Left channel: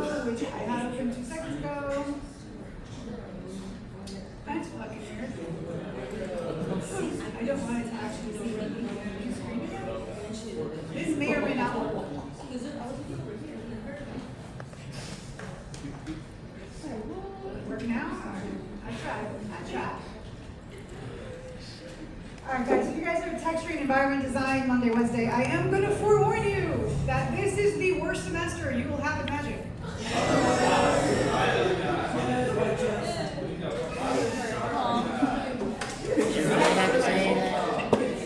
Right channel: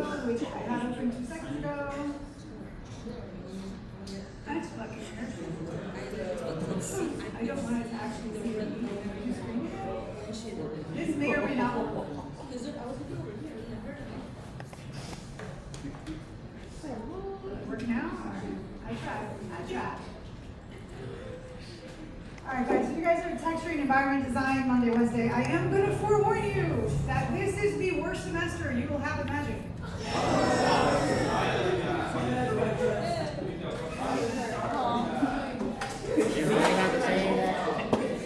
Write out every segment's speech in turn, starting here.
which I had open 2 seconds ago. That's fucking weird. I don't want it to actually see what the screen. This may or may not work. Work now? I tried. Alright guys, if you guys are texturing environment design Monday, Wednesday, I am going to forewarn you that this is the worst semester you will have imagined.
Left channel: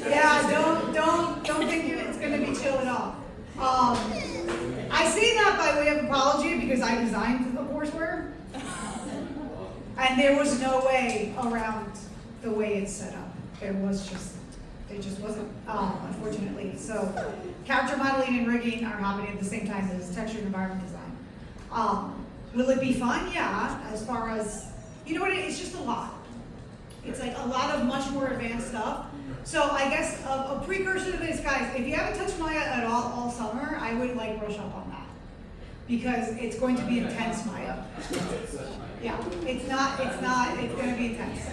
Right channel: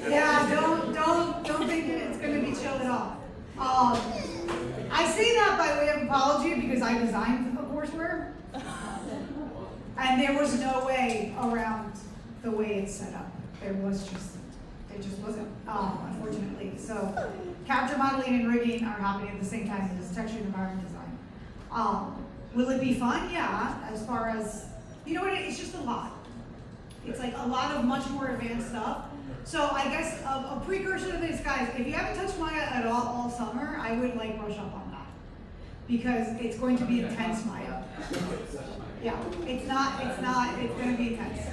Yeah, don't think it's going to be chill at all. I say that by way of apology because I designed the courseware. And there was no way around the way it's set up. It just wasn't, unfortunately. So character modeling and rigging are happening at the same time as texture and environment design. Will it be fun? Yeah, as far as, you know what, it's just a lot. It's like a lot of much more advanced stuff. So I guess a precursor to this, guys, if you haven't touched Maya at all summer, I would like brush up on that. Because it's going to be intense, Maya. Yeah, it's going to be intense.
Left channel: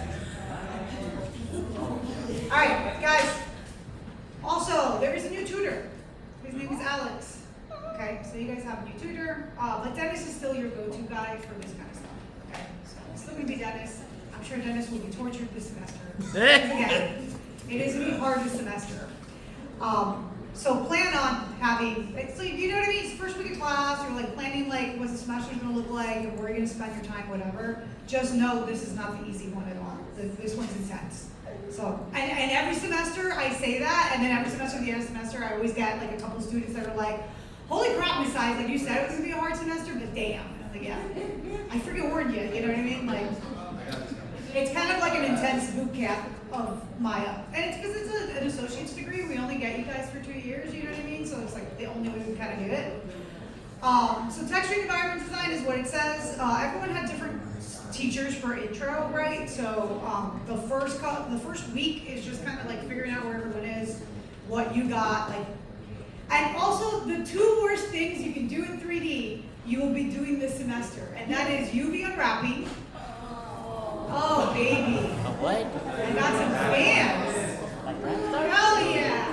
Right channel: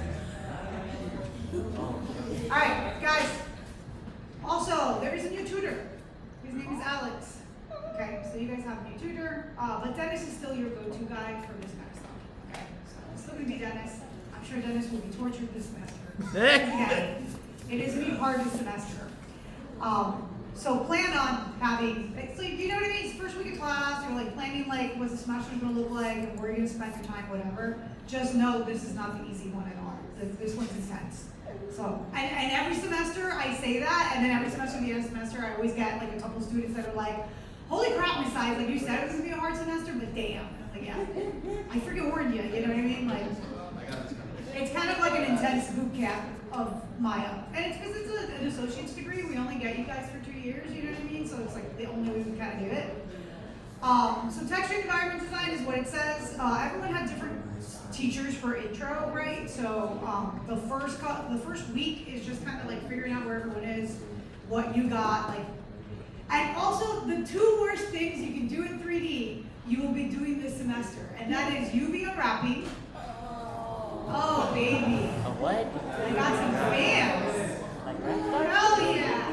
All right, guys. Also, there is a new tutor. His name is Alex. Okay, so you guys have a new tutor, but Dennis is still your go-to guy for this kind of stuff. Okay, so it's still gonna be Dennis. I'm sure Dennis will be tortured this semester. Yeah, it is gonna be hard this semester. So plan on having, so you know what I mean? It's first week of class, you're like planning like what's the semester gonna look like, where you're gonna spend your time, whatever. Just know this is not the easy one at all. This one's intense. So, and every semester I say that, and then every semester, the end of the semester, I always get like a couple students that are like, holy crap, Miss Size, like you said it was gonna be a hard semester, but damn. And I'm like, yeah, I freaking warned you, you know what I mean? Like, it's kind of like an intense boot camp of Maya. And it's because it's an associate's degree, we only get you guys for 2 years, you know what I mean? So it's like the only way we kind of do it. So texture environment design is what it says. Everyone had different teachers for intro, right? So the first week is just kind of like figuring out where everyone is, what you got, like, and also the 2 worst things you can do in 3D, you will be doing this semester, and that is UV unwrapping. Oh baby. What? I got some fans. Hell yeah.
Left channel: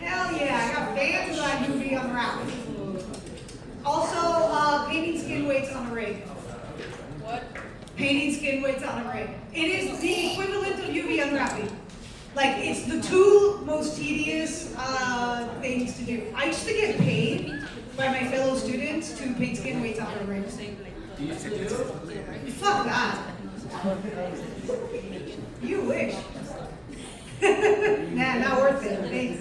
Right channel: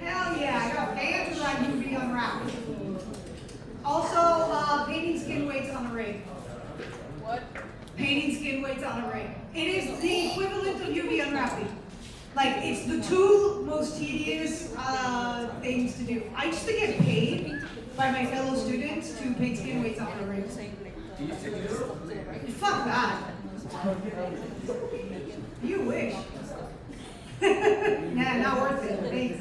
Hell yeah. I got fans like UV unwrapping. Also, painting skin weights on a rig. What? Painting skin weights on a rig. It is the equivalent of UV unwrapping. Like, it's the 2 most tedious things to do. I used to get paid by my fellow students to paint skin weights on a rig. Fuck that. You wish. Nah, not worth it. Thanks.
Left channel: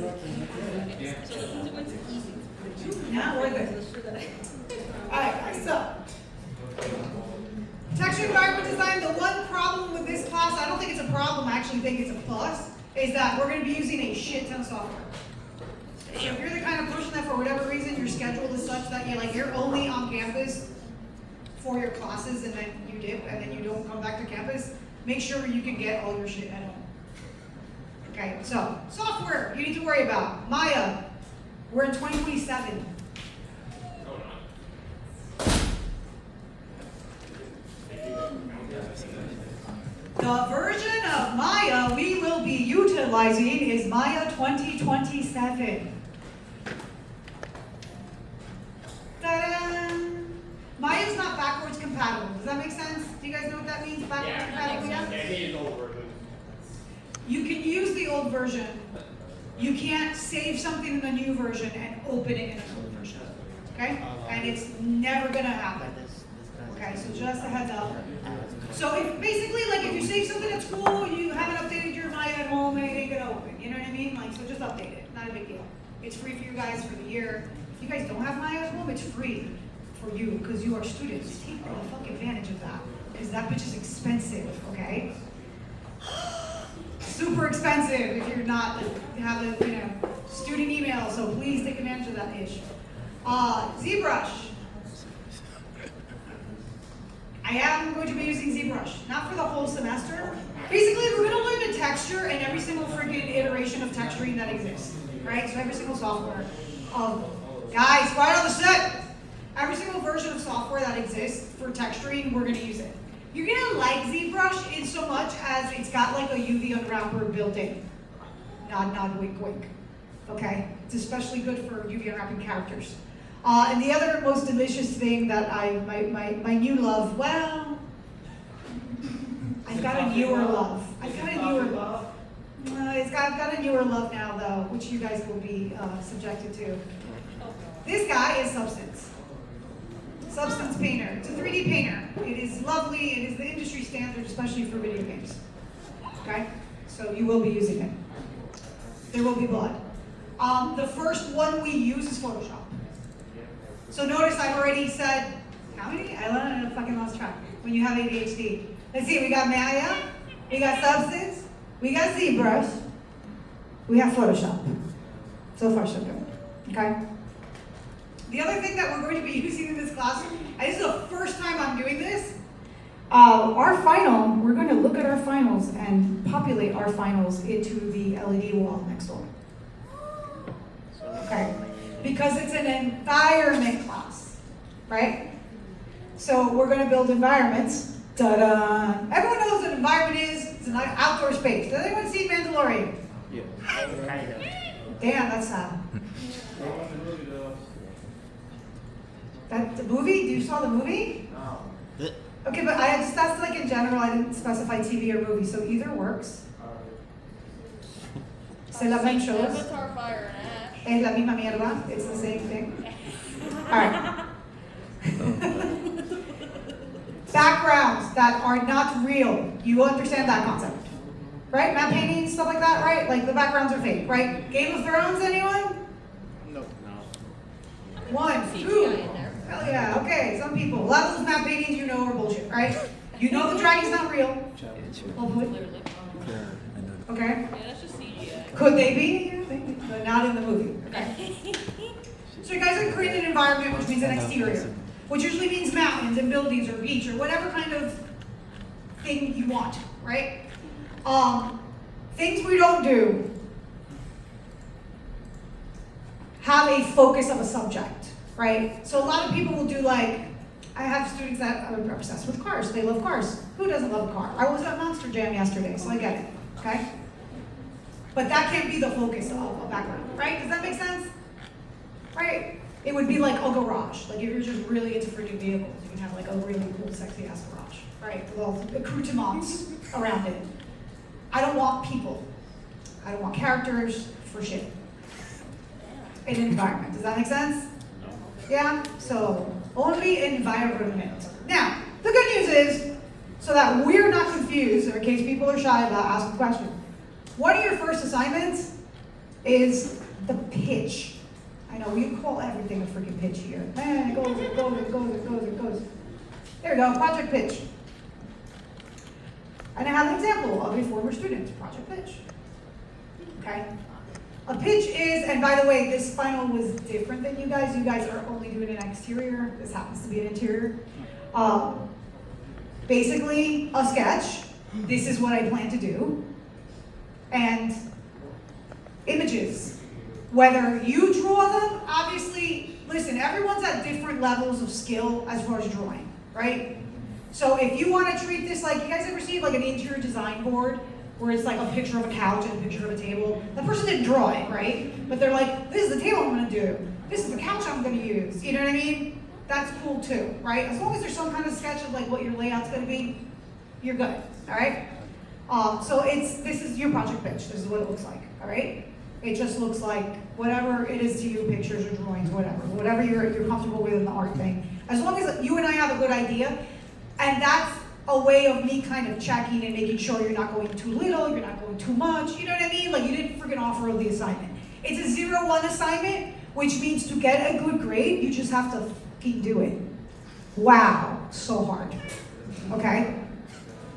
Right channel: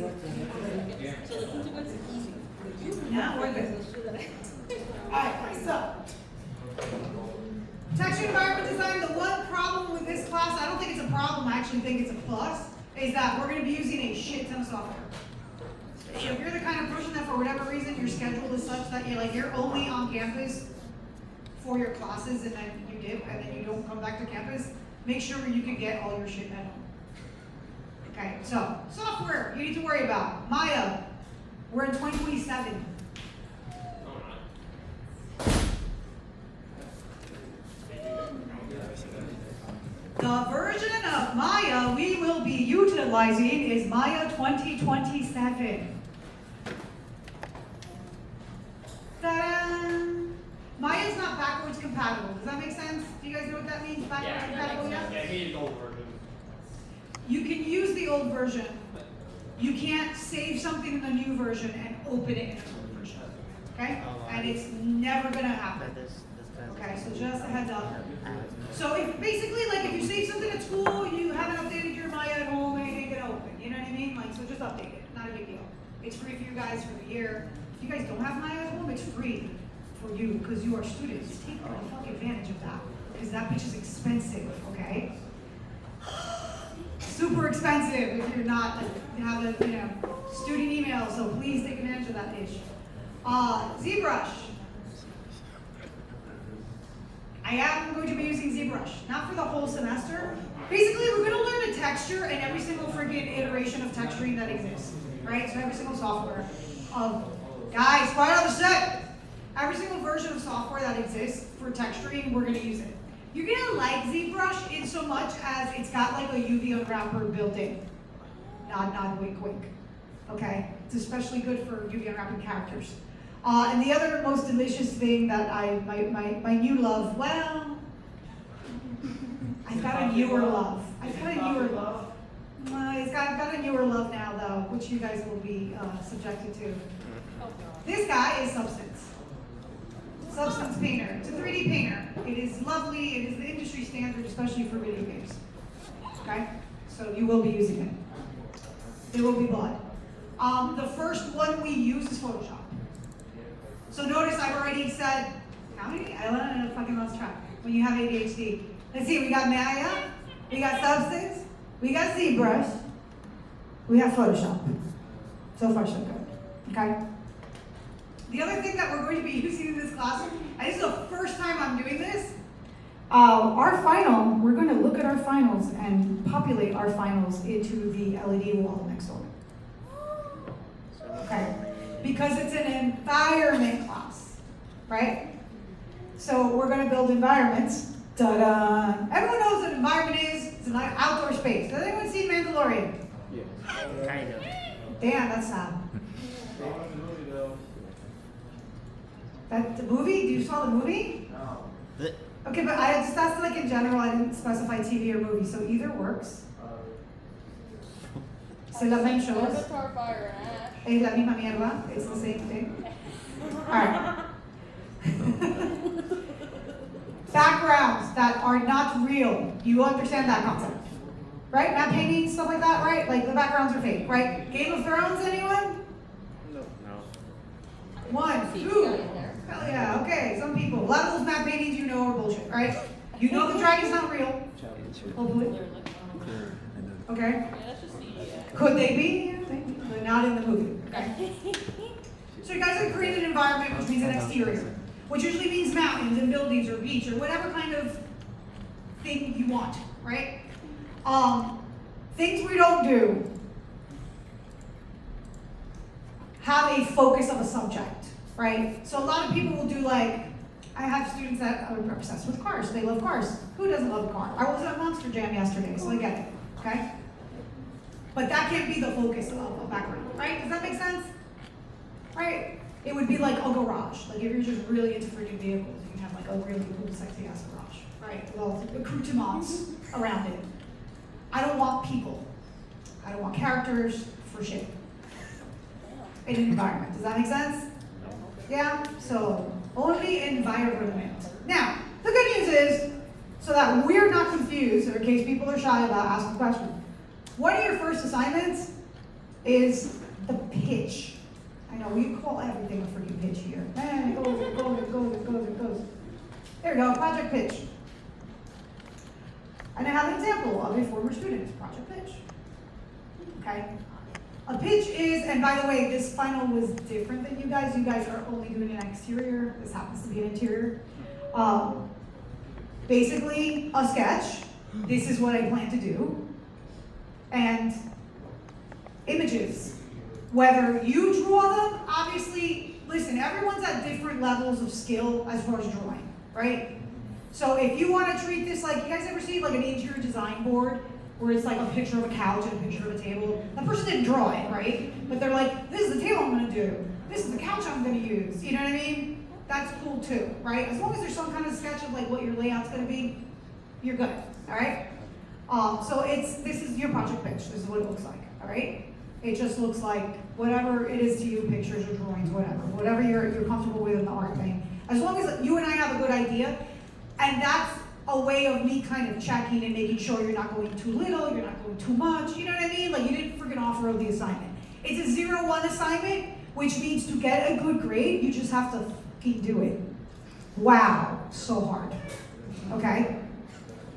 Not worth it. Alright, so texture environment design, the one problem with this class, I don't think it's a problem, I actually think it's a plus, is that we're going to be using a shit ton of software. If you're the kind of person that for whatever reason your schedule is such that you're only on campus for your classes and then you dip and then you don't come back to campus, make sure you can get all your shit at home. Okay, so software you need to worry about. Maya, we're in 2027. The version of Maya we will be utilizing is Maya 2027. Ta-da! Maya is not backwards compatible. Does that make sense? Do you guys know what that means? Backwards compatible? You can use the old version. You can't save something in the new version and open it in the old version. Okay? And it's never gonna happen. Okay, so just a heads up. So if basically, like if you save something at school, you haven't updated your Maya at home, and it ain't gonna open. You know what I mean? Like, so just update it. Not a big deal. It's free for you guys for the year. If you guys don't have Maya at home, it's free for you because you are students. Take the fuck advantage of that because that bitch is expensive. Okay. Super expensive if you're not have a student email. So please take advantage of that ish. ZBrush. I am going to be using ZBrush, not for the whole semester. Basically, we're going to learn the texture and every single freaking iteration of texturing that exists, right? So every single software. Guys, quiet on the set. Every single software that exists for texturing, we're gonna use it. You're gonna like ZBrush in so much as it's got like a UV unwrapper built in. Nod, nod, wink, wink. Okay? It's especially good for UV unwrapping characters. And the other most delicious thing that my new love, well, I've got a newer love. It's got a newer love now though, which you guys will be subjected to. This guy is Substance. Substance Painter. It's a 3D painter. It is lovely. It is the industry standard, especially for video games. Okay? So you will be using it. There will be blood. The first one we use is Photoshop. So notice I've already said, how many? I fucking lost track. When you have ADHD. Let's see, we got Maya, we got Substance, we got ZBrush, we have Photoshop. So far, so good. Okay? The other thing that we're going to be using in this class, and this is the first time I'm doing this, our final, we're going to look at our finals and populate our finals into the LED wall next door. Okay? Because it's an environment class, right? So we're going to build environments. Ta-da! Everyone knows what an environment is. It's an outdoor space. Does anyone see Mandalorian? Yeah, kind of. Damn, that's sad. That the movie? You saw the movie? No. Okay, but I just asked like in general. I didn't specify TV or movie, so either works. C'est la même chose. Avatar, Fire, and Ash. Es la misma mierda. It's the same thing. All right. Backgrounds that are not real. You understand that concept, right? Matte painting, stuff like that, right? Like the backgrounds are fake, right? Game of Thrones, anyone? No. 1, 2. CGI in there. Hell yeah, okay, some people. A lot of those matte paintings you know are bullshit, right? You know the dragon's not real. Hopefully. Clearly. Okay? Yeah, that's just CGI. Could they be? But not in the movie. Okay? So you guys have created an environment, which means an exterior, which usually means mountains and buildings or beach or whatever kind of thing you want, right? Things we don't do have a focus of a subject, right? So a lot of people will do like, I have students that are obsessed with cars. They love cars. Who doesn't love a car? I was at Monster Jam yesterday, so I get it, okay? But that can't be the focus of a background, right? Does that make sense? Right? It would be like a garage. Like if you're just really into freaking vehicles, you can have like a really cool, sexy ass garage, right? Well, accoutrements around it. I don't want people. I don't want characters for shit. In an environment. Does that make sense? No. Yeah? So only environment. Now, the good news is, so that we're not confused, or in case people are shy about asking questions, one of your first assignments is the pitch. I know, we call everything a freaking pitch here. Man, it goes, it goes, it goes, it goes, it goes. There we go, project pitch. And I have an example of a former student's project pitch. Okay? A pitch is, and by the way, this final was different than you guys. You guys are only doing an exterior. This happens to be an interior. Basically, a sketch. This is what I plan to do. And images. Whether you draw them, obviously, listen, everyone's at different levels of skill as far as drawing, right? So if you want to treat this like, you guys ever see like an interior design board where it's like a picture of a couch and a picture of a table? That person didn't draw it, right? But they're like, this is the table I'm going to do. This is the couch I'm going to use. You know what I mean? That's cool too, right? As long as there's some kind of sketch of like what your layout's going to be, you're good, all right? So this is your project pitch. This is what it looks like, all right? It just looks like whatever it is to you, pictures or drawings, whatever you're comfortable with in the art thing. As long as you and I have a good idea, and that's a way of me kind of checking and making sure you're not going too little, you're not going too much, you know what I mean? Like you didn't freaking offer the assignment. It's a 0-1 assignment, which means to get a good grade, you just have to fucking do it. Wow, so hard, okay?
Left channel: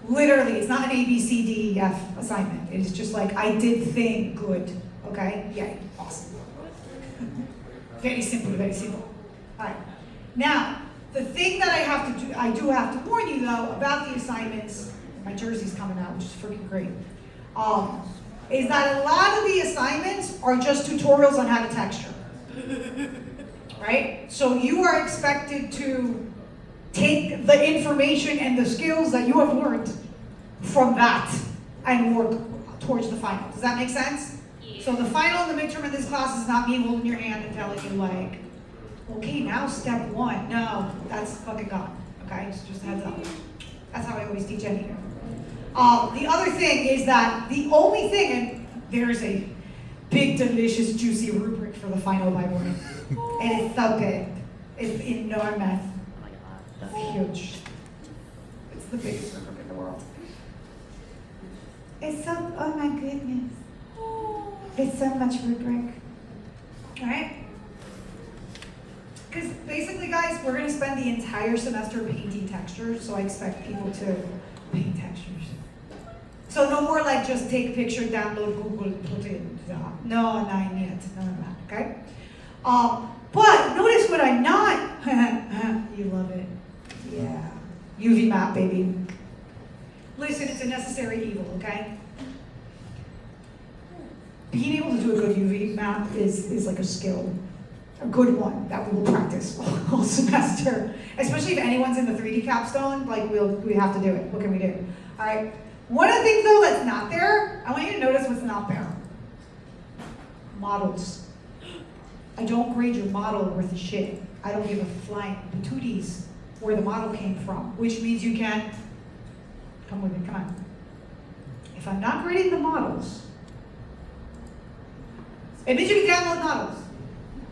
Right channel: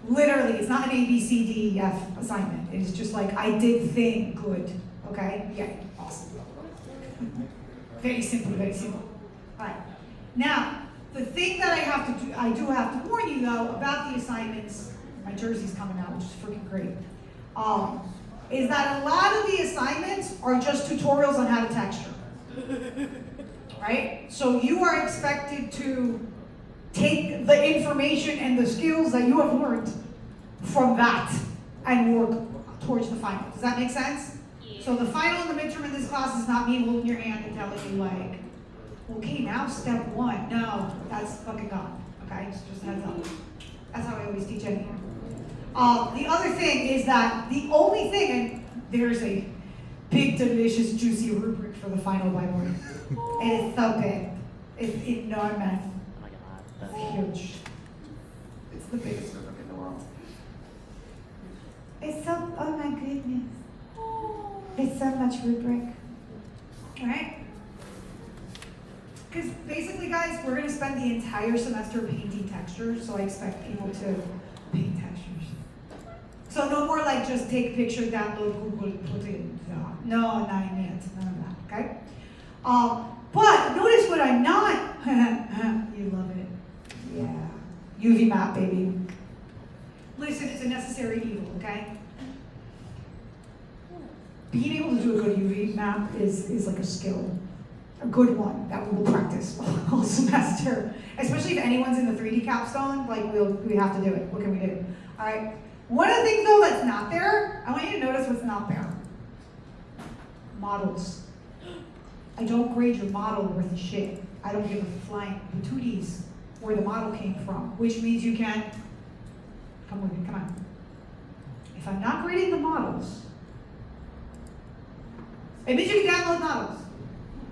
Literally, it's not an A, B, C, D, E, F assignment. It's just like, I did thing good, okay? Yay, awesome. Very simple, very simple. All right, now, the thing that I do have to warn you though about the assignments, my jersey's coming out, which is freaking great, is that a lot of the assignments are just tutorials on how to texture, right? So you are expected to take the information and the skills that you have learned from that and work towards the final. Does that make sense? Yeah. So the final and the midterm in this class is not me holding your hand and telling you like, okay, now step one. No, that's fucking gone. Okay, just heads up. That's how I always teach anyway. The other thing is that the only thing, and there's a big, delicious, juicy rubric for the final by morning. And it's so big. It's enormous. It's huge. It's the biggest rubric in the world. It's so, oh my goodness. It's so much rubric. Alright? Because basically, guys, we're going to spend the entire semester painting textures, so I expect people to paint textures. So no more like just take picture, download, Google, put it. No, not yet. None of that, okay? But notice what I'm not. You love it. Yeah. UV map, baby. Listen, it's a necessary evil, okay? Being able to do a good UV map is like a skill. A good one that we'll practice all semester. Especially if anyone's in the 3D capstone, like we have to do it. What can we do? All right. One of the things though that's not there, I want you to notice what's not there. Models. I don't grade your model worth of shit. I don't give a flying patooties where the model came from, which means you can, come with me, come on. If I'm not grading the models, it means you can download models.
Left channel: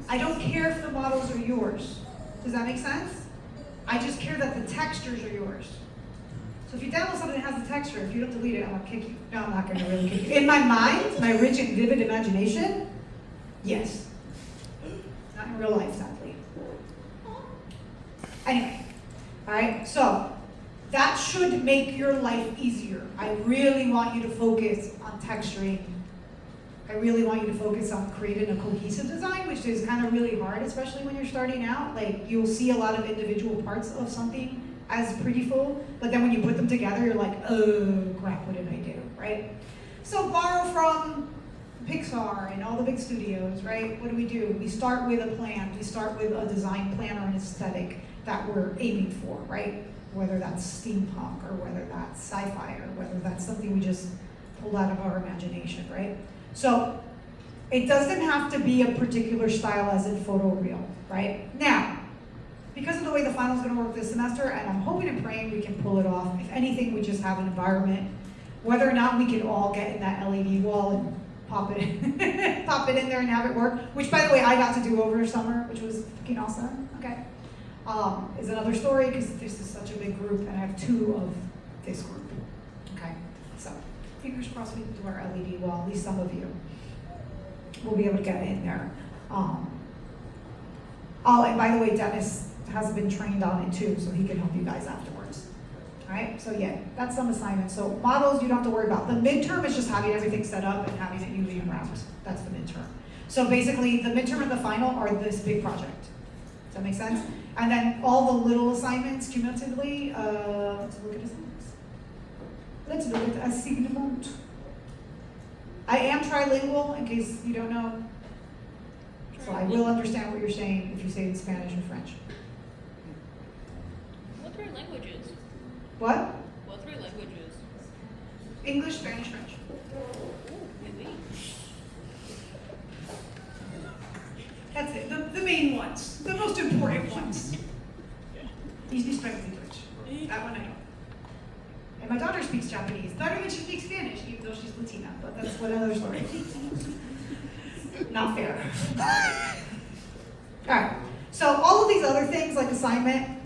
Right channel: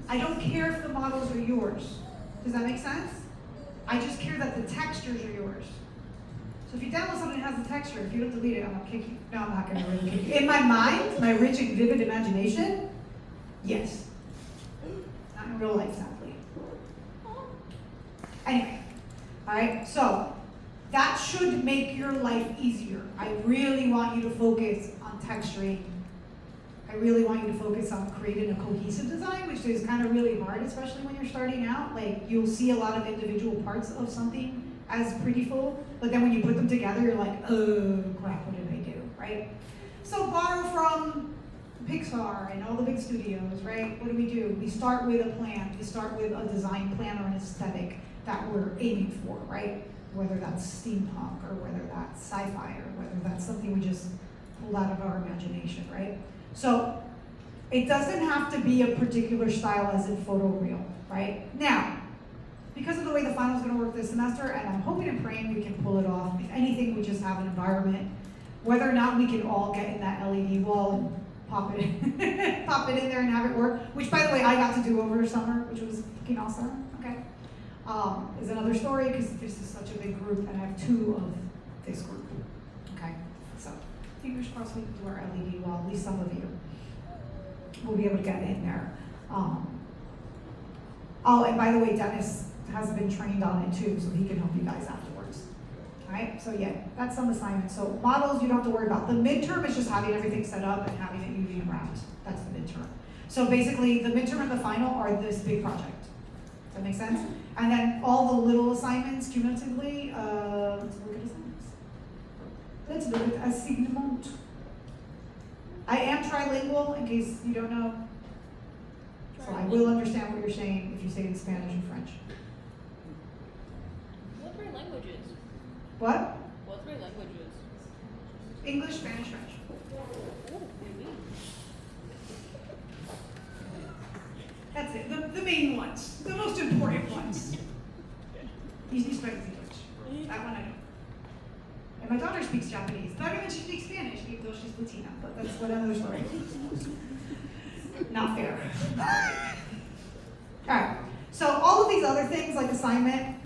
I don't care if the models are yours. Does that make sense? I just care that the textures are yours. So if you download something that has a texture, if you don't delete it, I'm gonna kick you. No, I'm not gonna really kick you. In my mind, my rich and vivid imagination, yes. Not in real life, sadly. Anyway, all right, so that should make your life easier. I really want you to focus on texturing. I really want you to focus on creating a cohesive design, which is kind of really hard, especially when you're starting out. Like, you'll see a lot of individual parts of something as pretty full, but then when you put them together, you're like, oh crap, what did I do, right? So borrow from Pixar and all the big studios, right? What do? We start with a plan. We start with a design plan or an aesthetic that we're aiming for, right? Whether that's steampunk or whether that's sci-fi or whether that's something we just pulled out of our imagination, right? So it doesn't have to be a particular style as in photoreal, right? Now, because of the way the final is going to work this semester, and I'm hoping and praying we can pull it off. If anything, we just have an environment. Whether or not we can all get in that LED wall and pop it in there and have it work, which by the way I got to do over the summer, which was fucking awesome. Okay, is another story because this is such a big group, and I have 2 of this group. Okay, so fingers crossed we can do our LED wall. At least some of you will be able to get in there. Oh, and by the way, Dennis has been trained on it too, so he can help you guys afterwards. All right, so yeah, that's some assignments. So models you don't have to worry about. The midterm is just having everything set up and having it UV around. That's the midterm. So basically, the midterm and the final are this big project. Does that make sense? And then all the little assignments cumulatively, let's look at assignments. Let's look at assignment. I am trilingual, in case you don't know. So I will understand what you're saying if you say it in Spanish and French. What 3 languages? What? What 3 languages? English, Spanish, French. Ooh, oui. That's it. The main ones. The most important ones. You speak Spanish and French. That one I know. And my daughter speaks Japanese. Better than she speaks Spanish, even though she's Latina. But that's another story. Not fair. All right. So all of these other things like assignment,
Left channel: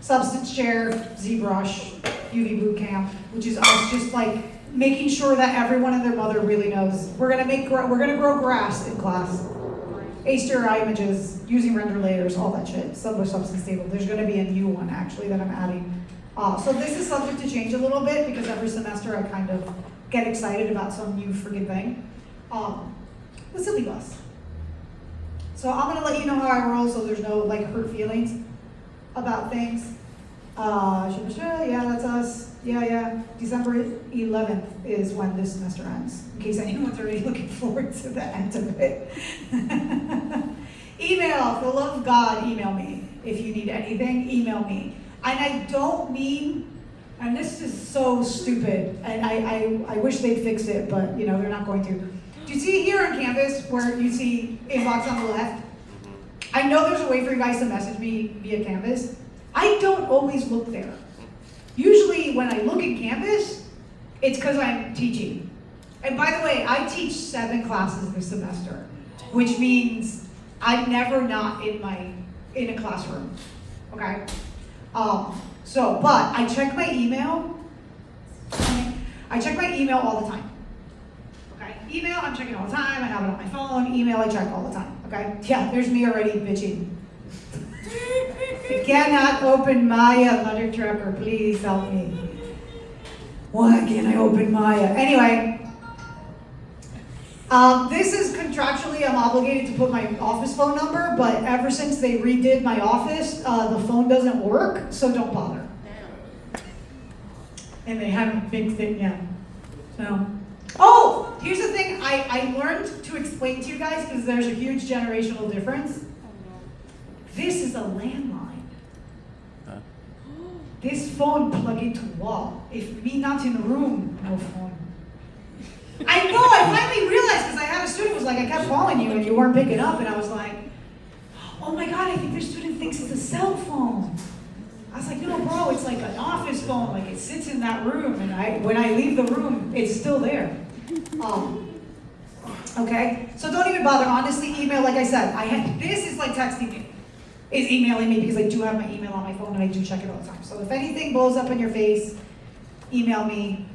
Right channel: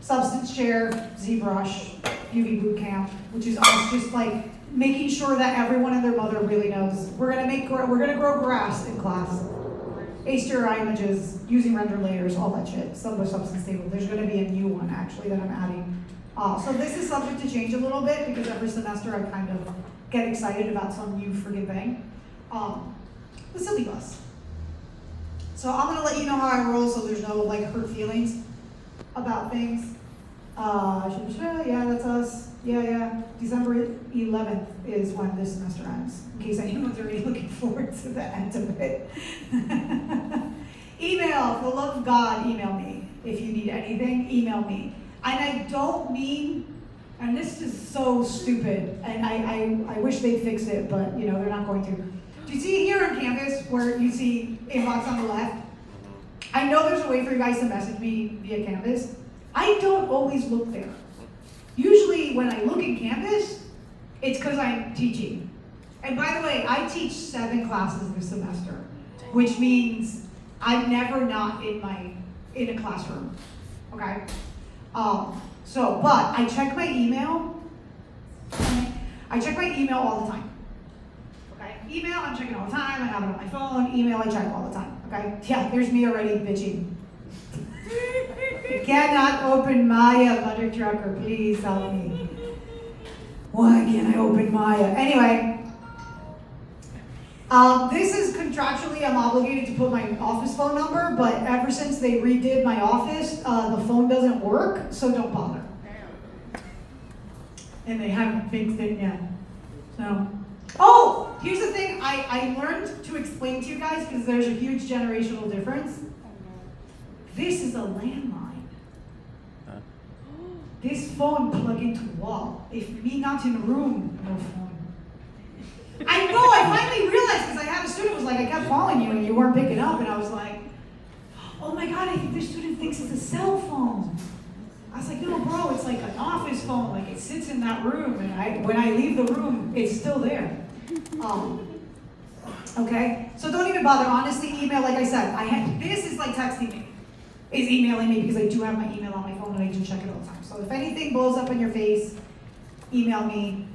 substance share, ZBrush, UV boot camp, which is us just like making sure that everyone and their mother really knows we're gonna grow grass in class. HDRI images, using render layers, all that shit. Substance table. There's gonna be a new one actually that I'm adding. So this is subject to change a little bit because every semester I kind of get excited about some new friggin' thing. The silly bus. So I'm gonna let you know how I roll so there's no like hurt feelings about things. Yeah, that's us. Yeah. December 11th is when this semester ends, in case anyone's already looking forward to the end of it. Email, for the love of God, email me. If you need anything, email me. And I don't mean, and this is so stupid, and I wish they'd fix it, but you know, they're not going to. Do you see here on Canvas where you see inbox on the left? I know there's a way for you guys to message me via Canvas. I don't always look there. Usually when I look in Canvas, it's because I'm teaching. And by the way, I teach 7 classes this semester, which means I'm never not in a classroom, okay? But I check my email. I check my email all the time. Okay, email I'm checking all the time. I have it on my phone. Email I check all the time. Okay, yeah, there's me already bitching. I cannot open Maya, mother trucker. Please help me. Why can't I open Maya? Anyway. This is contractually, I'm obligated to put my office phone number, but ever since they redid my office, the phone doesn't work, so don't bother. And they haven't fixed it yet. So, oh, here's the thing I learned to explain to you guys, because there's a huge generational difference. This is a landline. This phone plug into wall. If me not in the room, no phone. I know, I finally realized, because I had a student who was like, I kept calling you and you weren't picking up, and I was like, oh my God, I think this student thinks it's a cell phone. I was like, no, bro, it's like an office phone, like it sits in that room, and when I leave the room, it's still there. Okay, so don't even bother, honestly, email, like I said, this is like texting me, is emailing me, because I do have my email on my phone and I do check it all the time. So if anything blows up in your face, email me.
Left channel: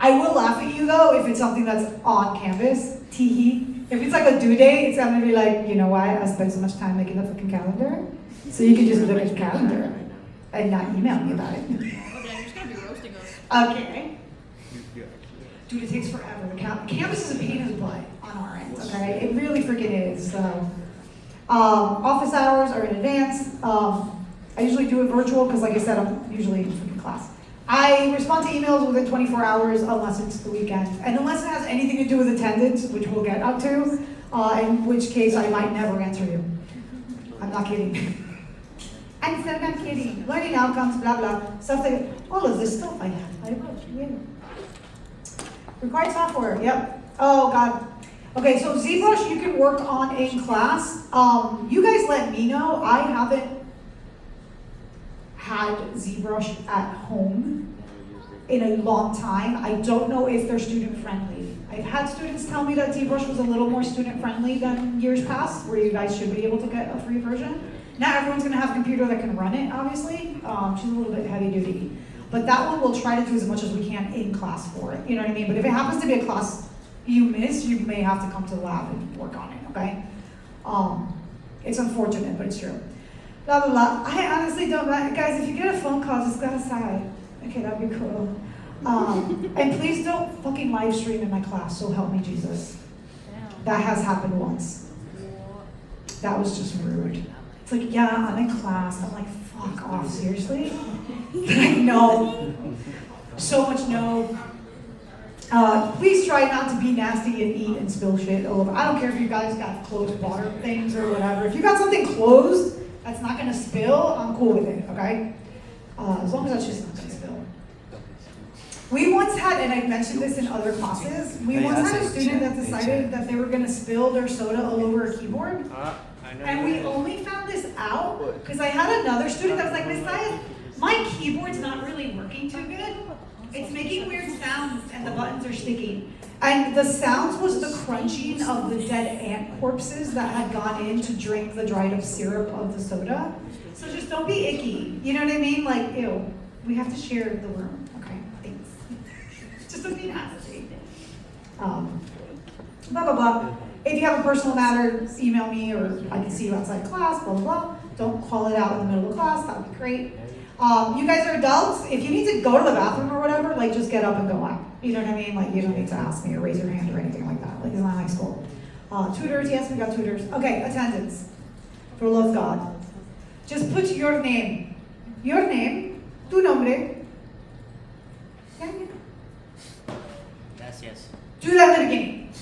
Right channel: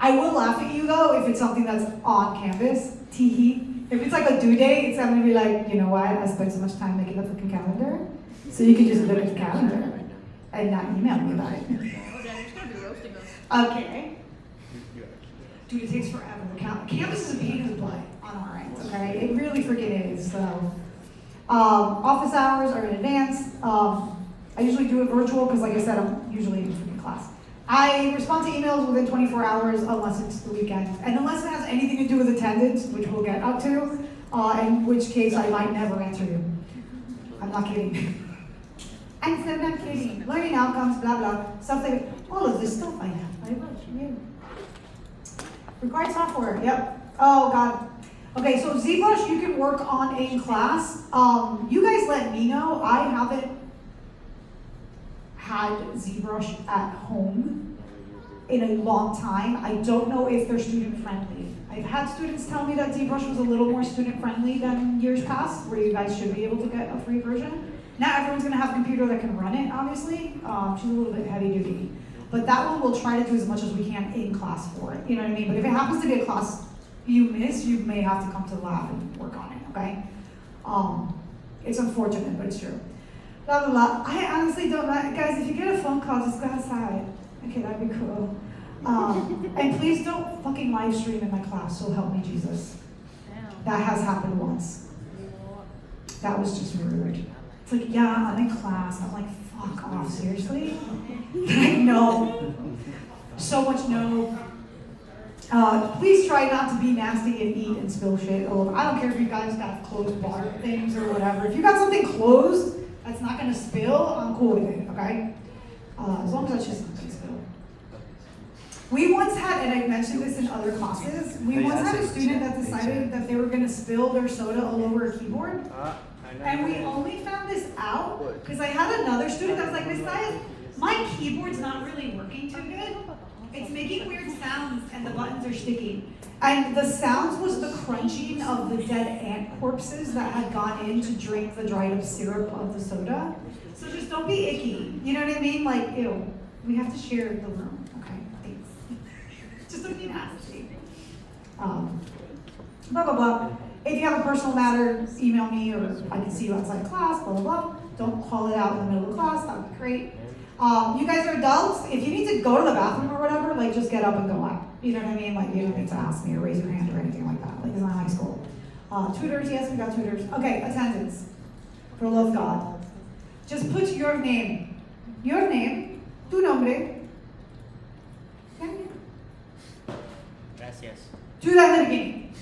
I will laugh at you though if it's something that's on Canvas, tee-hee. If it's like a due date, it's gonna be like, you know why I spent so much time making the fucking calendar? So you can just look at the calendar and not email me about it. Oh, damn, you're just gonna be roasting us. Okay. Dude, it takes forever. Canvas is a pain in the butt on our end, okay? It really freaking is, so. Office hours are in advance. I usually do it virtual because like I said, I'm usually in class. I respond to emails within 24 hours unless it's the weekend. And unless it has anything to do with attendance, which we'll get up to, in which case I might never answer you. I'm not kidding. I'm not kidding. Learning outcomes, blah, blah. Stuff like, all of this stuff I wrote. Yeah. Required software, yep. Oh God. Okay, so ZBrush you can work on in class. You guys let me know. I haven't had ZBrush at home in a long time. I don't know if they're student friendly. I've had students tell me that ZBrush was a little more student friendly than years past, where you guys should be able to get a free version. Not everyone's gonna have a computer that can run it, obviously. She's a little bit heavy duty. But that one we'll try to do as much as we can in class for it, you know what I mean? But if it happens to be a class you miss, you may have to come to the lab and work on it, okay? It's unfortunate, but it's true. Blah, blah, blah. I honestly don't know. Guys, if you get a phone call, just go outside. Okay, that'd be cool. And please don't fucking live stream in my class, so help me Jesus. That has happened once. That was just rude. It's like, yeah, I'm in class. I'm like, fuck off, seriously? Like, no. So much no. Please try not to be nasty and eat and spill shit all over. I don't care if you guys got closed water things or whatever. If you got something closed that's not gonna spill, I'm cool with it, okay? As long as that's just not gonna spill. We once had, and I've mentioned this in other classes, we once had a student that decided that they were gonna spill their soda all over a keyboard. And we only found this out because I had another student that was like, Miss Dias, my keyboard's not really working too good. It's making weird sounds and the buttons are sticky. And the sounds was the crunching of the dead ant corpses that had gone in to drink the dried up syrup of the soda. So just don't be icky. You know what I mean? Like, ew, we have to share the room. Okay, thanks. Just don't be nasty. Blah, blah, blah. If you have a personal matter, email me or I can see you outside class, blah, blah, blah. Don't call it out in the middle of class, that would be great. You guys are adults. If you need to go to the bathroom or whatever, like just get up and go out. You know what I mean? Like you don't need to ask me or raise your hand or anything like that. Like it's not high school. Tutors, yes, we got tutors. Okay, attendance. For the love of God. Just put your name. Your name, tu nombre. Yeah. Gracias. Do that in the beginning.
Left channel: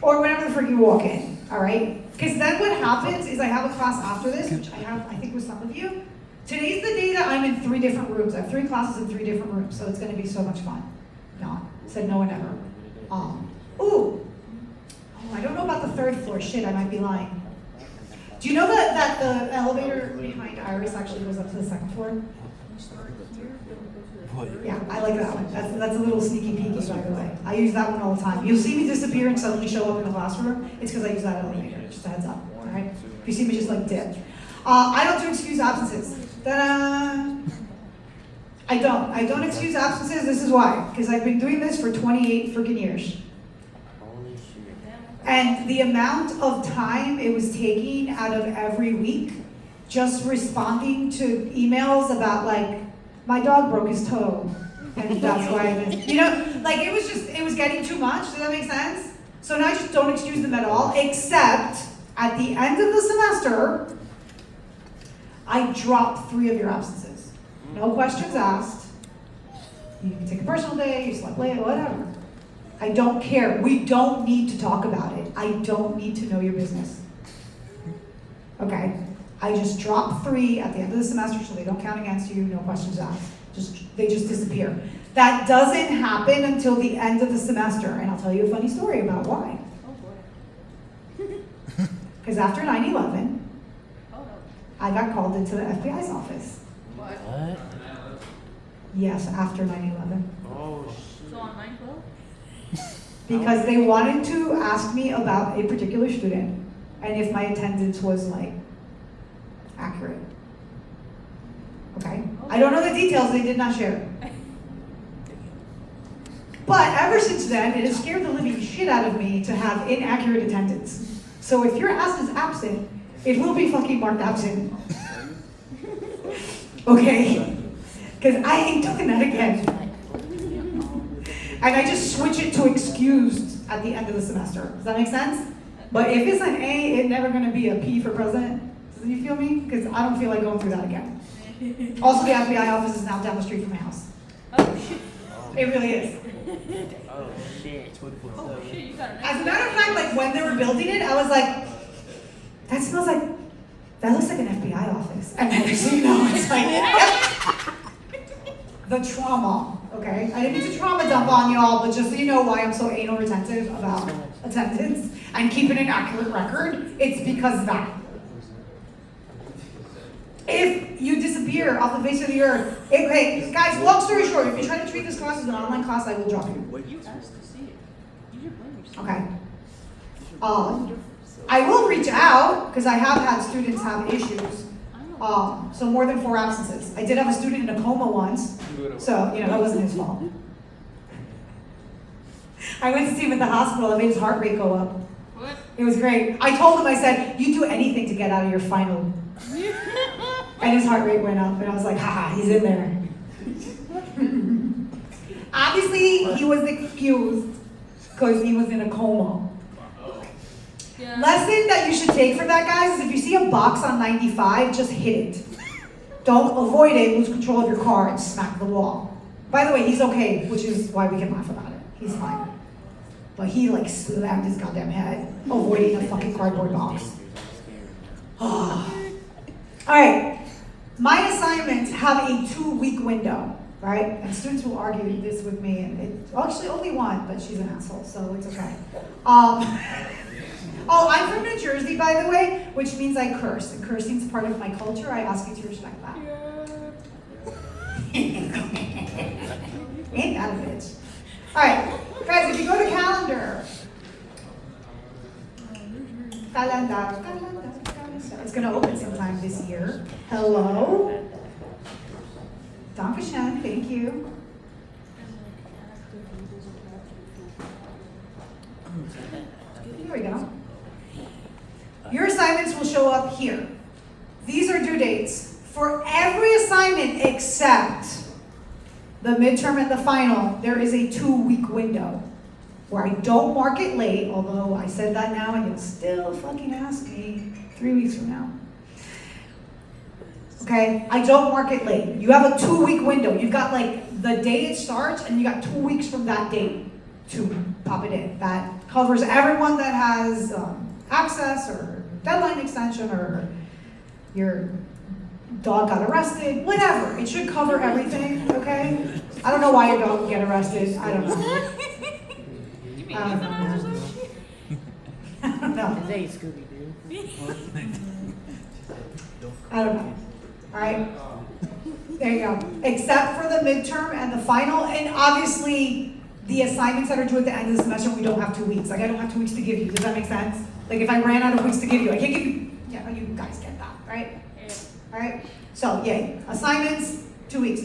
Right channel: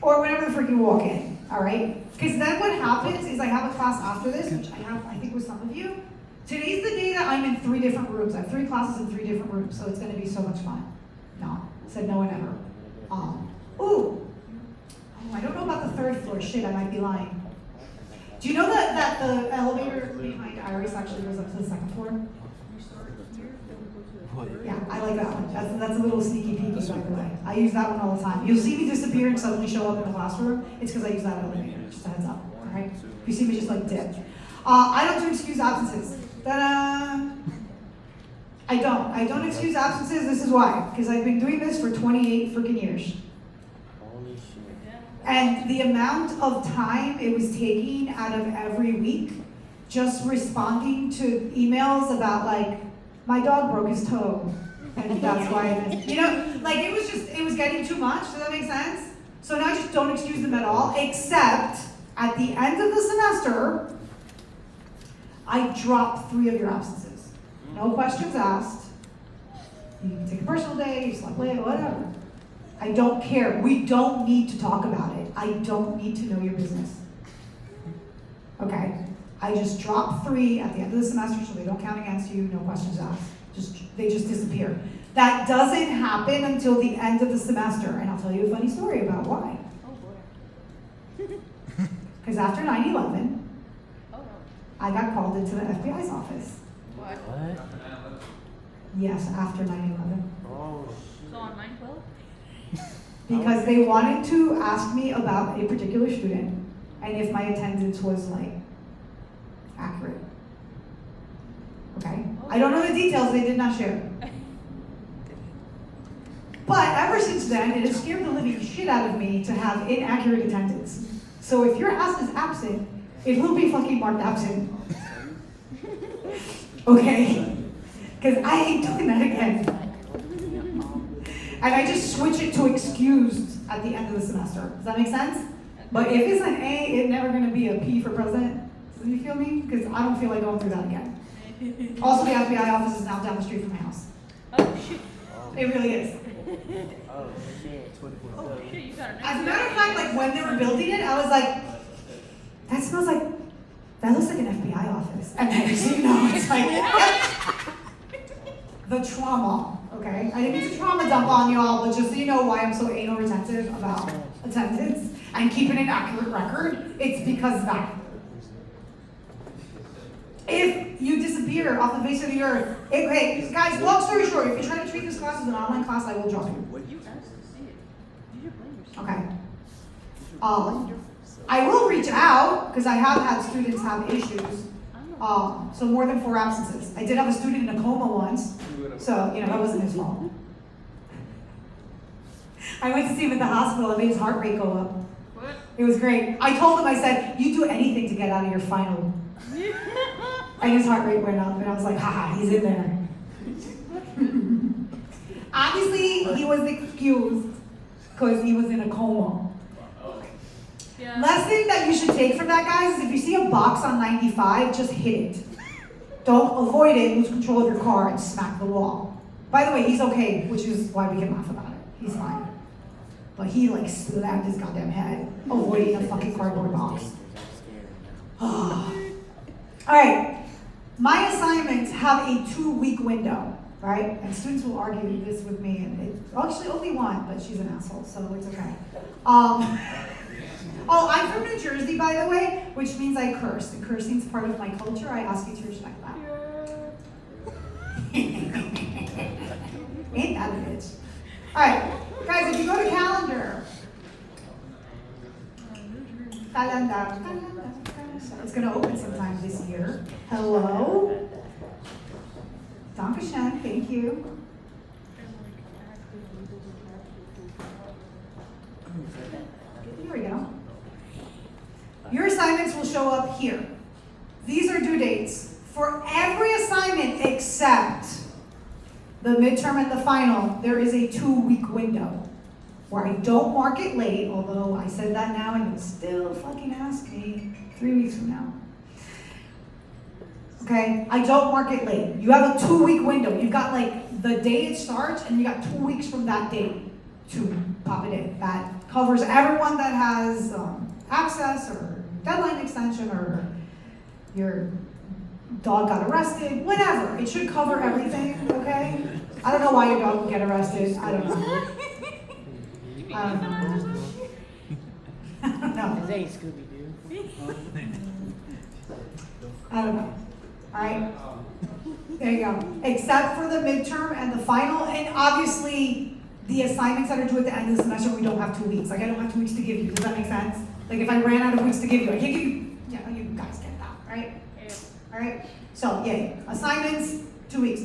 Or whenever the frick you walk in, all right? Because then what happens is I have a class after this, which I think with some of you. Today's the day that I'm in 3 different rooms. I have 3 classes in 3 different rooms, so it's gonna be so much fun. No, said no one ever. I don't know about the 3rd floor. Shit, I might be lying. Do you know that the elevator behind Iris actually goes up to the 2nd floor? Yeah, I like that one. That's a little sneaky peeky, by the way. I use that one all the time. You'll see me disappear and suddenly show up in the classroom. It's because I use that elevator. Just a heads up, alright? If you see me just like dip. I don't do excused absences. Ta-da! I don't excuse absences. This is why. Because I've been doing this for 28 freaking years. Holy shit. And the amount of time it was taking out of every week just responding to emails about like, my dog broke his toe, and that's why it is. You know, like it was getting too much, does that make sense? So now I just don't excuse them at all, except at the end of the semester, I drop 3 of your absences. No questions asked. You can take a personal day, you slept late, whatever. I don't care. We don't need to talk about it. I don't need to know your business. Okay? I just drop 3 at the end of the semester so they don't count against you, no questions asked. They just disappear. That doesn't happen until the end of the semester, and I'll tell you a funny story about why. Oh boy. Because after 9/11, I got called into the FBI's office. What? What? Yes, after 9/11. Oh So on 9/12? Because they wanted to ask me about a particular student, and if my attendance was like, accurate. Okay? I don't know the details, they did not share. But ever since then, it has scared the living shit out of me to have inaccurate attendance. So if your ass is absent, it will be fucking marked absent. Okay? Because I ain't doing that again. And I just switch it to excused at the end of the semester. Does that make sense? But if it's an A, it's never gonna be a P for president. Do you feel me? Because I don't feel like going through that again. Also, the FBI office is now down the street from my house. Oh shit. It really is. Oh shit. Oh shit, you got an As a matter of fact, like when they were building it, I was like, that smells like, that looks like an FBI office. And then next thing you know, it's like, the trauma, okay? I didn't mean to trauma dump on y'all, but just so you know why I'm so anal retentive about attendance and keeping an accurate record, it's because that. If you disappear off the face of the earth, okay, guys, long story short, if you try to treat this class as an online class, I will drop you. You asked to see it. You didn't blame yourself. Okay. I will reach out, because I have had students have issues. So more than 4 absences. I did have a student in a coma once, so, that wasn't his fault. I went to see him at the hospital, I made his heart rate go up. What? It was great. I told him, I said, you do anything to get out of your final. And his heart rate went up, and I was like, haha, he's in there. Obviously, he was excused because he was in a coma. Yeah. Lesson that you should take from that, guys, is if you see a box on 95, just hit it. Don't avoid it, lose control of your car, and smack the wall. By the way, he's okay, which is why we can laugh about it. He's fine. But he like slammed his goddamn head, avoiding a fucking cardboard box. Alright, my assignments have a 2-week window, right? And students will argue this with me, and actually only one, but she's an asshole, so it's okay. Oh, I'm from New Jersey, by the way, which means I curse. And cursing's part of my culture. I ask you to respect that. Ain't that a bitch? Alright, guys, if you go to calendar. It's gonna open sometime this year. Hello? Dankeschön, thank you. Here we go. Your assignments will show up here. These are due dates for every assignment except the midterm and the final. There is a 2-week window where I don't mark it late, although I said that now and you'll still fucking ask me 3 weeks from now. Okay, I don't mark it late. You have a 2-week window. You've got like the date it starts and you got 2 weeks from that date to pop it in. That covers everyone that has access or deadline extension or your dog got arrested, whatever. It should cover everything, okay? I don't know why your dog would get arrested. I don't know. I don't know. I don't know. Hey, Scooby-Doo. I don't know. Alright? There you go. Except for the midterm and the final, and obviously the assignments that are due at the end of the semester, we don't have 2 weeks. Like, I don't have 2 weeks to give you. Does that make sense? Like, if I ran out of weeks to give you, I can't give you. Yeah, you guys get that, right? Alright? So, yay. Assignments, 2 weeks.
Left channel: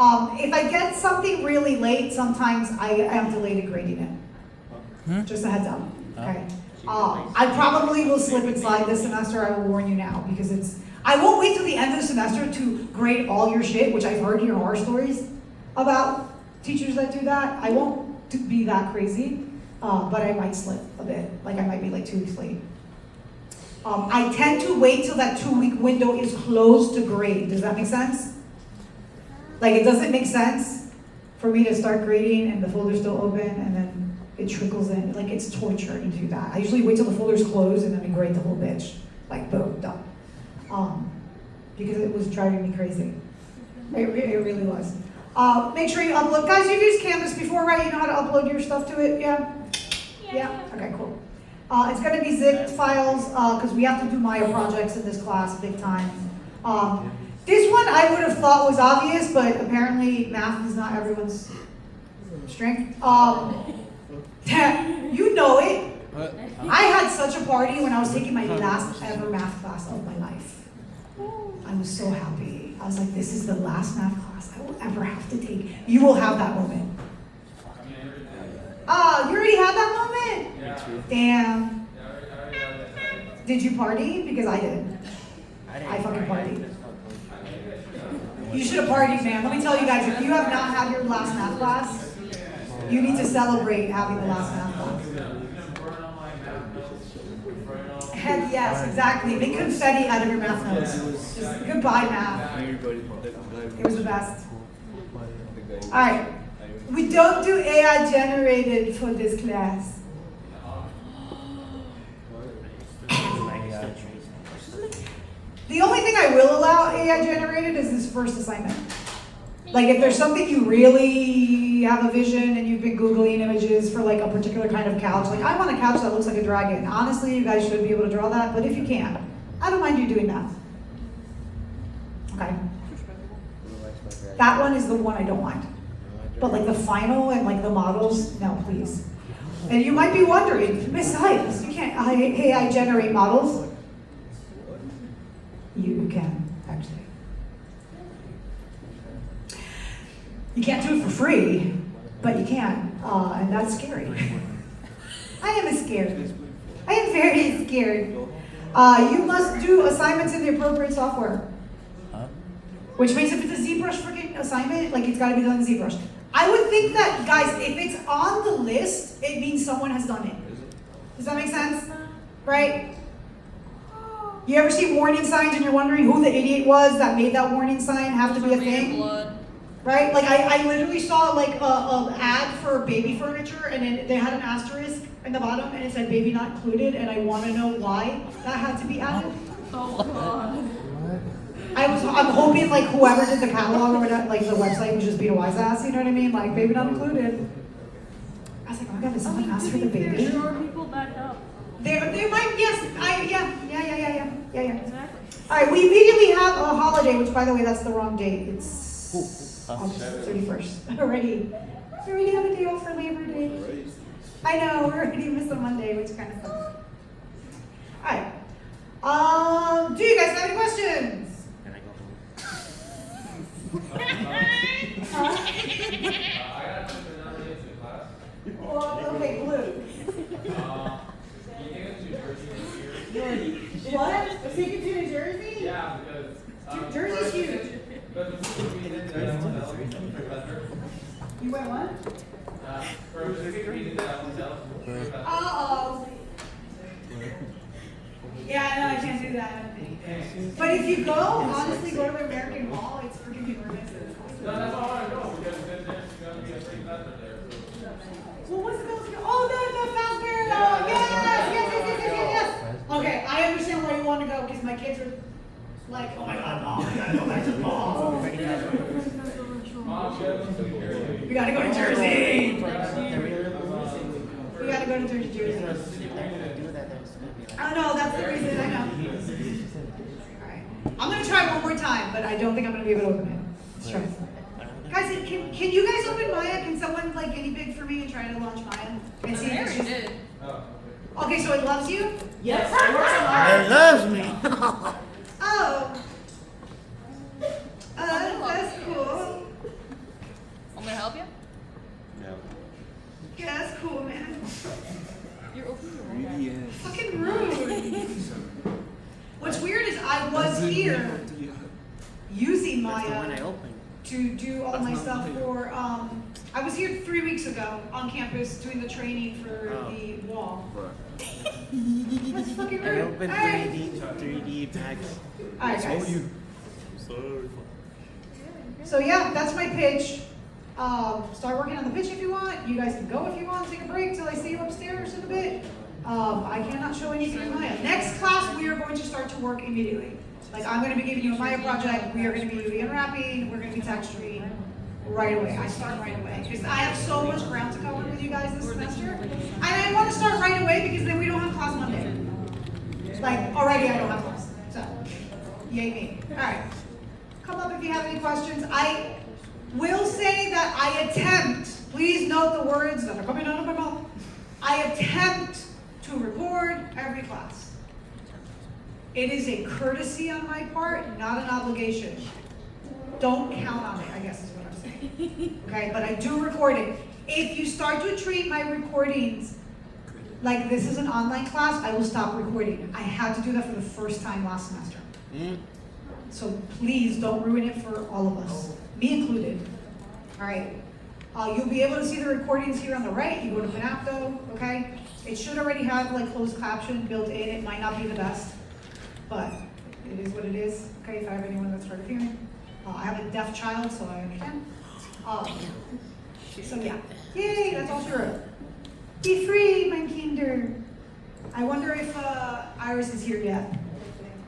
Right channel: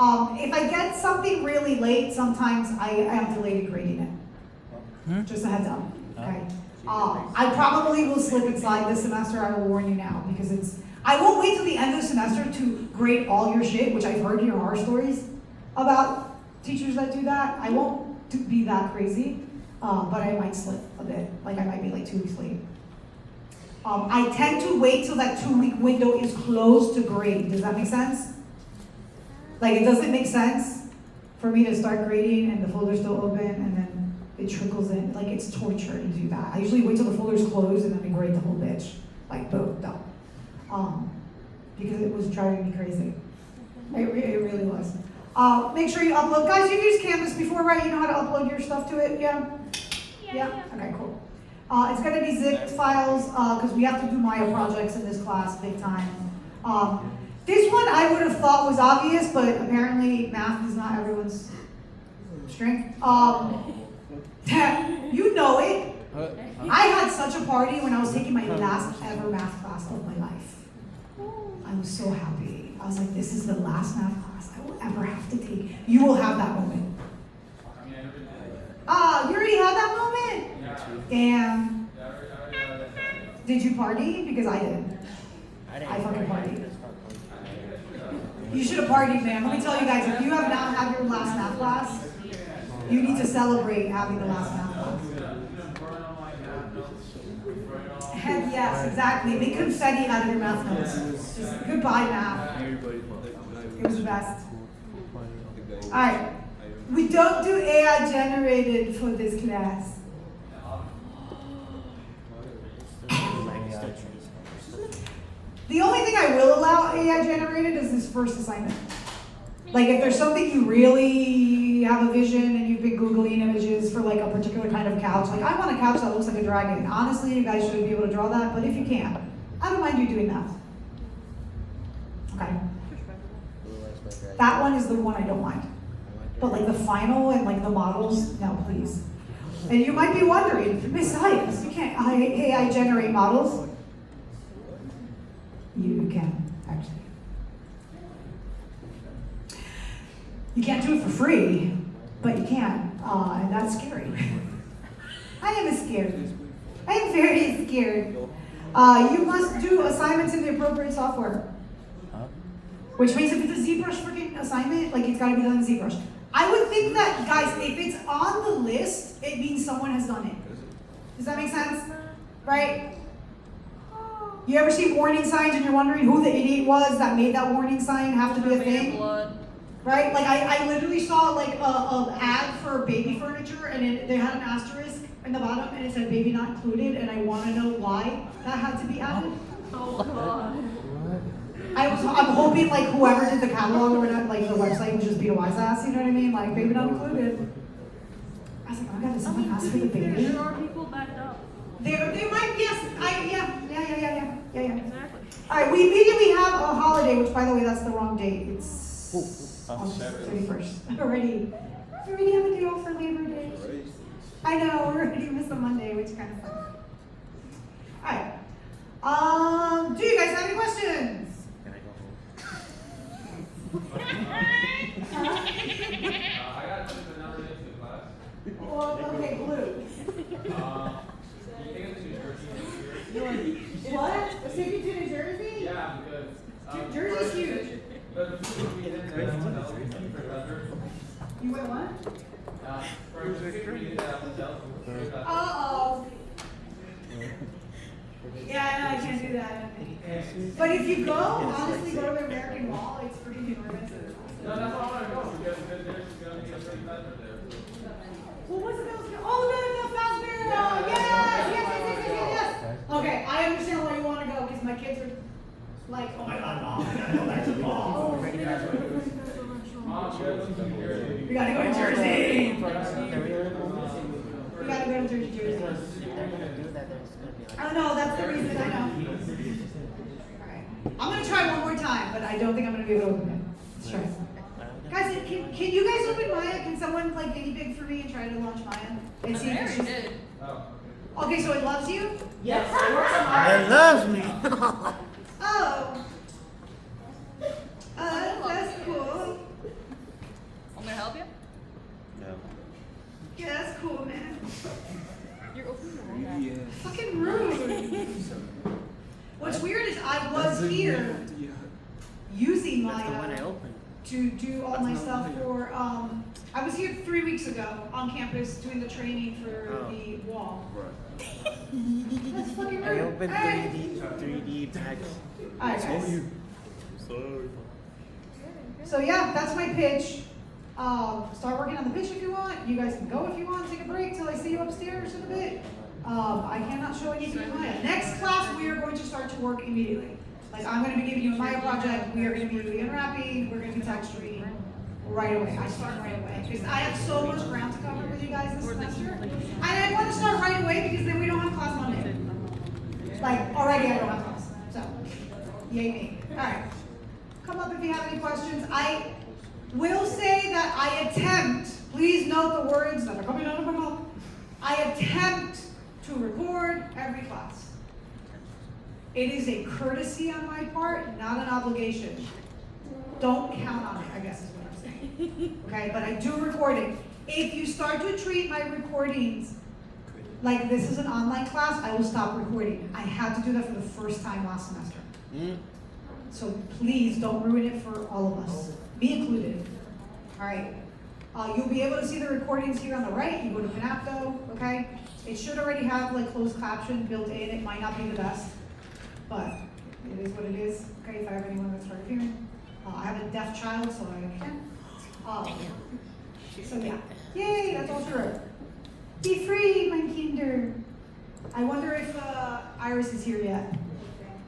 If I get something really late, sometimes I am delayed in grading it. Just a heads up, okay? I probably will slip and slide this semester, I will warn you now, because I won't wait till the end of the semester to grade all your shit, which I've heard your horror stories about teachers that do that. I won't be that crazy, but I might slip a bit, like I might be like 2 weeks late. I tend to wait till that 2-week window is closed to grade. Does that make sense? Like, it doesn't make sense for me to start grading and the folder's still open and then it trickles in. Like, it's torture to do that. I usually wait till the folder's closed and then I grade the whole bitch. Like, boom, done. Because it was driving me crazy. It really was. Make sure you upload. Guys, you've used Canvas before, right? You know how to upload your stuff to it? Yeah? Yeah? Okay, cool. It's going to be zipped files because we have to do Maya projects in this class big time. This one I would have thought was obvious, but apparently math is not everyone's strength. You know it. I had such a party when I was taking my last ever math class of my life. I was so happy. I was like, this is the last math class I will ever have to take. You will have that moment. You already had that moment? Yeah. Damn. Yeah, I already got it. Did you party? Because I did. I fucking partied. You should have partied, man. Let me tell you guys, if you have not had your last math class, you need to celebrate having the last math class. Heck yes, exactly. Make confetti out of your math notes. Just goodbye, math. It was the best. Alright. We don't do AI generated for this class. The only thing I will allow AI generated is this first assignment. Like if there's something you really have a vision and you've been Googling images for like a particular kind of couch, like I want a couch that looks like a dragon. Honestly, you guys should be able to draw that, but if you can't, I don't mind you doing that. Okay? That one is the one I don't mind. But like the final and like the models, no, please. And you might be wondering, Miss Hypes, you can't AI generate models? You can, actually. You can't do it for free, but you can, and that's scary. I am scared. I am very scared. You must do assignments in the appropriate software. Which means if it's a ZBrush freaking assignment, like it's gotta be done in ZBrush. I would think that, guys, if it's on the list, it means someone has done it. Does that make sense? Right? You ever see warning signs and you're wondering who the idiot was that made that warning sign have to be a thing? Right? Like I literally saw like an ad for baby furniture and they had an asterisk in the bottom and it said baby not included, and I want to know why that had to be added. Oh God. I'm hoping like whoever did the catalog or whatever, like the website would just be a wise ass, you know what I mean? Like baby not included. I was like, oh my god, did someone ask for the baby? There are people that don't. They might, yes, yeah. Exactly. All right, we immediately have a holiday, which by the way, that's the wrong date. It's August 31st. Already have a day off for Labor Day. I know, we already missed a Monday, which kind of sucks. All right. Do you guys have any questions? Can I go home? I got to never get to class. Well, okay, blue. You think it's New Jersey? What? Take you to New Jersey? Yeah, because Jersey's huge. But the people we did that hotel for Leather. You went what? For the people we did that hotel. Uh-oh. Yeah, I know, I can't do that. But if you go, honestly, go to the American Mall, it's pretty expensive. No, that's why I want to go, because there's going to be a free leather there. Well, what's the Fazbear? Oh, the Fazbear! Yes! Okay, I understand Like, oh my God, mom, we gotta go back to the mall. Mom, you guys We gotta go to Jersey. Can we order movies? We gotta go to Jersey. If they're gonna do that, there's gonna be like. I don't know, that's the reason, I know. Alright. I'm gonna try one more time, but I don't think I'm gonna be able to open it. Let's try. Guys, can you guys open Maya? Can someone like guinea pig for me and try to launch Maya? And see if it's just... Oh, Okay, so it loves you? Yes, it works on my. It loves me. Oh. That's cool. I'm gonna help you. No. Yeah, that's cool, man. You're opening your mouth. Fucking rude. What's weird is I was here using That's the one I Maya opened. to do all my stuff for, I was here 3 weeks ago on campus doing the training for Oh. the wall. That's fucking rude. I opened Hey. 3D packs. Alright, guys. Sorry. So yeah, that's my pitch. Start working on the pitch if you want. You guys can go if you want. Take a break till I see you upstairs in a bit. I cannot show anything in Maya. Next class, we are going to start to work immediately. Like I'm going to be giving you a Maya project. We are going to be unwrapping. We're going to be texturing right away. I start right away because I have so much ground to cover with you guys this semester. And I want to start right away because then we don't have class Monday. Like already, I don't have class. So, yay me. All right. Come up if you have any questions. I will say that I attempt, please note the words that are coming out of my mouth. I attempt to record every class. It is a courtesy on my part, not an obligation. Don't count on it, I guess is what I'm saying. Okay, but I do record it. If you start to treat my recordings like this is an online class, I will stop recording. I had to do that for the first time last semester. So please don't ruin it for all of us, me included. All right. You'll be able to see the recordings here on the right. You go to Panapto, okay? It should already have like closed caption built in. It might not be the best, but it is what it is. Okay, if I have anyone that's hard of hearing. I have a deaf child, so I understand. So yeah, yay, that's all true. Be free, mein Kinder. I wonder if Iris is here yet.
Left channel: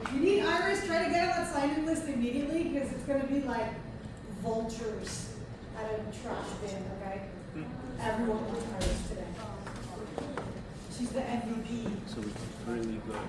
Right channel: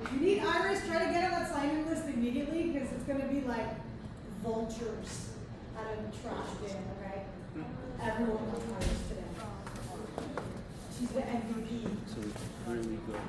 If you need Iris, try to get on that sign-in list immediately because it's going to be like vultures at a trash bin, okay? Everyone wants Iris today. She's the MVP. So it's really good.